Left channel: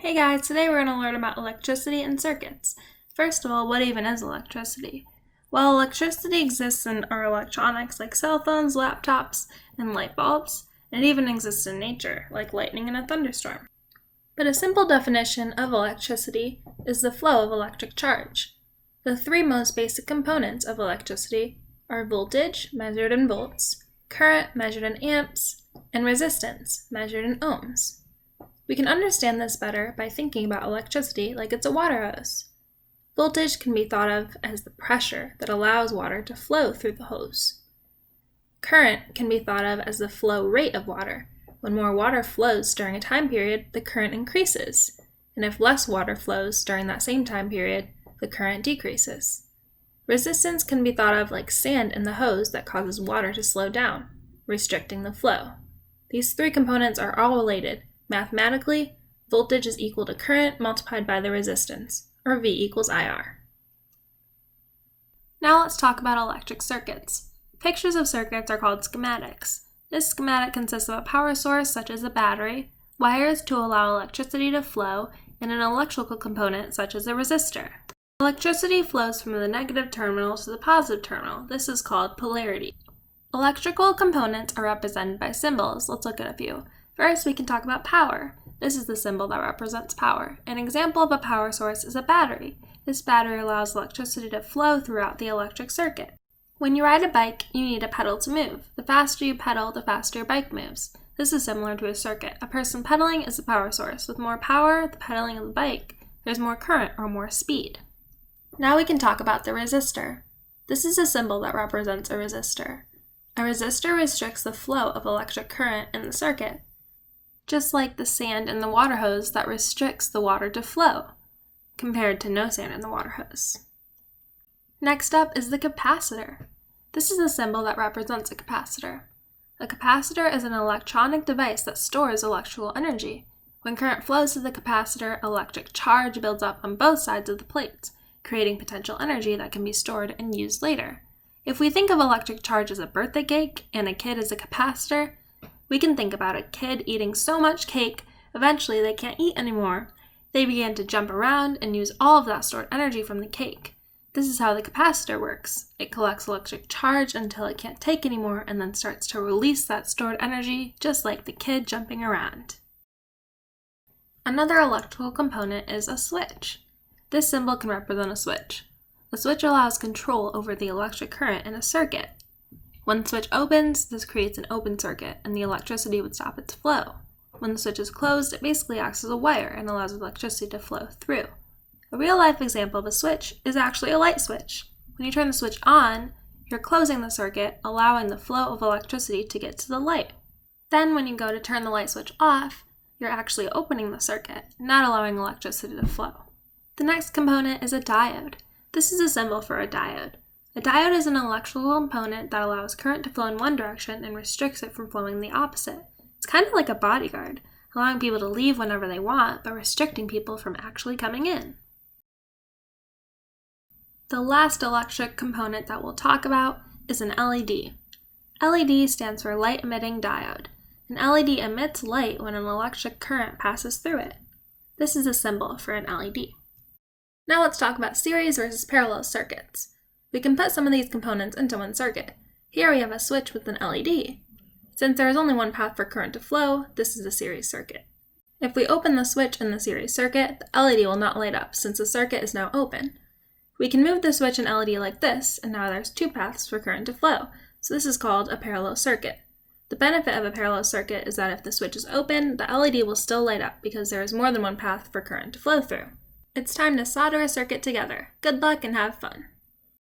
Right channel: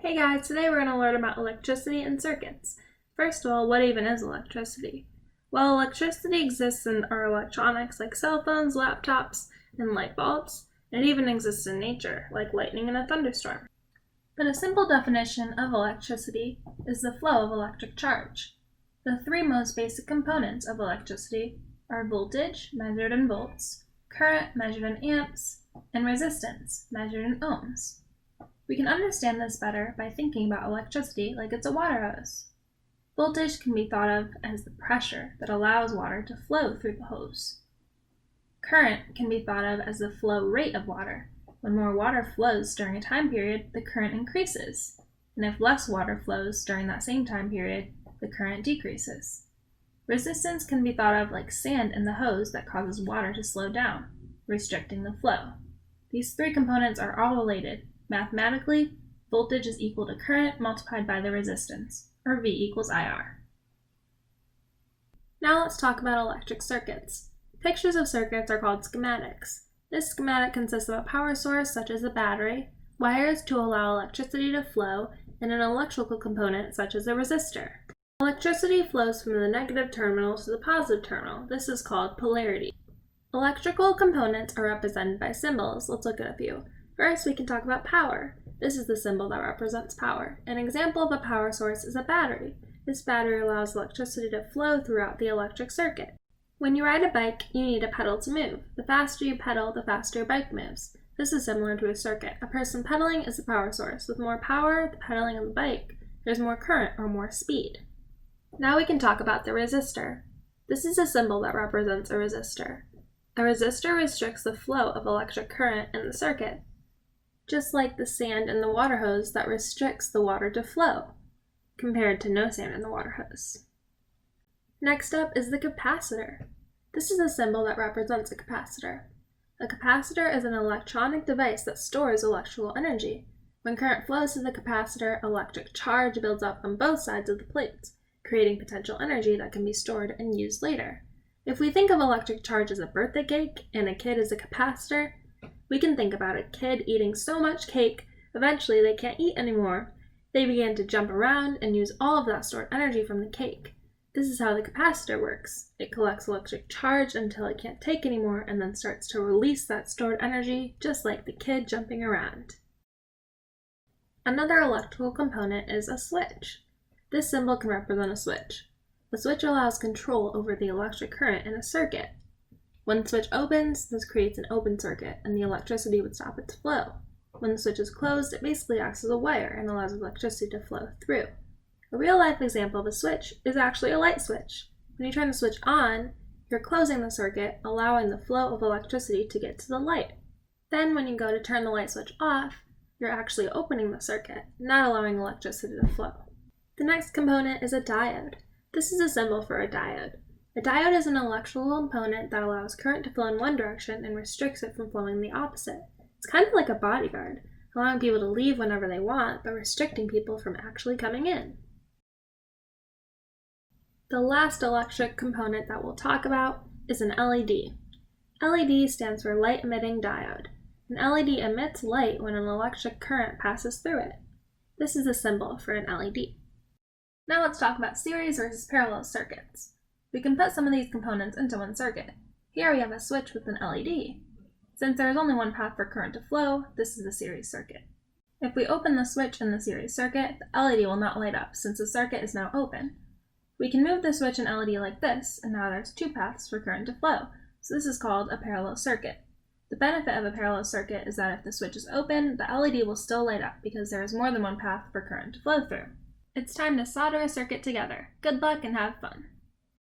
Hey guys, today we're going to learn about electricity and circuits. First of all, what even is electricity? Well, electricity exists in our electronics like cell phones, laptops, and light bulbs. It even exists in nature, like lightning in a thunderstorm. But a simple definition of electricity is the flow of electric charge. The three most basic components of electricity are voltage, measured in volts, current, measured in amps, and resistance, measured in ohms. We can understand this better by thinking about electricity like it's a water hose. Voltage can be thought of as the pressure that allows water to flow through the hose. Current can be thought of as the flow rate of water. When more water flows during a time period, the current increases, and if less water flows during that same time period, the current decreases. Resistance can be thought of like sand in the hose that causes water to slow down, restricting the flow. These three components are all related. Mathematically, voltage is equal to current multiplied by the resistance, or V equals IR. Now let's talk about electric circuits. Pictures of circuits are called schematics. This schematic consists of a power source, such as a battery, wires to allow electricity to flow, and an electrical component, such as a resistor. Electricity flows from the negative terminal to the positive terminal. This is called polarity. Electrical components are represented by symbols. Let's look at a few. First, we can talk about power. This is the symbol that represents power. An example of a power source is a battery. This battery allows electricity to flow throughout the electric circuit. When you ride a bike, you need a pedal to move. The faster you pedal, the faster your bike moves. This is similar to a circuit. A person pedaling is a power source. With more power, the pedaling of the bike, there's more current or more speed. Now we can talk about the resistor. This is a symbol that represents a resistor. A resistor restricts the flow of electric current in the circuit, just like the sand in the water hose that restricts the water to flow, compared to no sand in the water hose. Next up is the capacitor. This is a symbol that represents a capacitor. A capacitor is an electronic device that stores electrical energy. When current flows through the capacitor, electric charge builds up on both sides of the plates, creating potential energy that can be stored and used later. If we think of electric charge as a birthday cake and a kid as a capacitor, we can think about a kid eating so much cake, eventually they can't eat anymore. They begin to jump around and use all of that stored energy from the cake. This is how the capacitor works. It collects electric charge until it can't take anymore and then starts to release that stored energy, just like the kid jumping around. Another electrical component is a switch. This symbol can represent a switch. A switch allows control over the electric current in a circuit. When the switch opens, this creates an open circuit, and the electricity would stop its flow. When the switch is closed, it basically acts as a wire and allows electricity to flow through. A real-life example of a switch is actually a light switch. When you turn the switch on, you're closing the circuit, allowing the flow of electricity to get to the light. Then when you go to turn the light switch off, you're actually opening the circuit, not allowing electricity to flow. The next component is a diode. This is a symbol for a diode. A diode is an electrical component that allows current to flow in one direction and restricts it from flowing the opposite. It's kind of like a bodyguard, allowing people to leave whenever they want, but restricting people from actually coming in. The last electric component that we'll talk about is an LED. LED stands for light emitting diode. An LED emits light when an electric current passes through it. This is a symbol for an LED. Now let's talk about series versus parallel circuits. We can put some of these components into one circuit. Here we have a switch with an LED. Since there is only one path for current to flow, this is a series circuit. If we open the switch in the series circuit, the LED will not light up since the circuit is now open. We can move the switch and LED like this, and now there's two paths for current to flow, so this is called a parallel circuit. The benefit of a parallel circuit is that if the switch is open, the LED will still light up because there is more than one path for current to flow through. It's time to solder a circuit together. Good luck and have fun!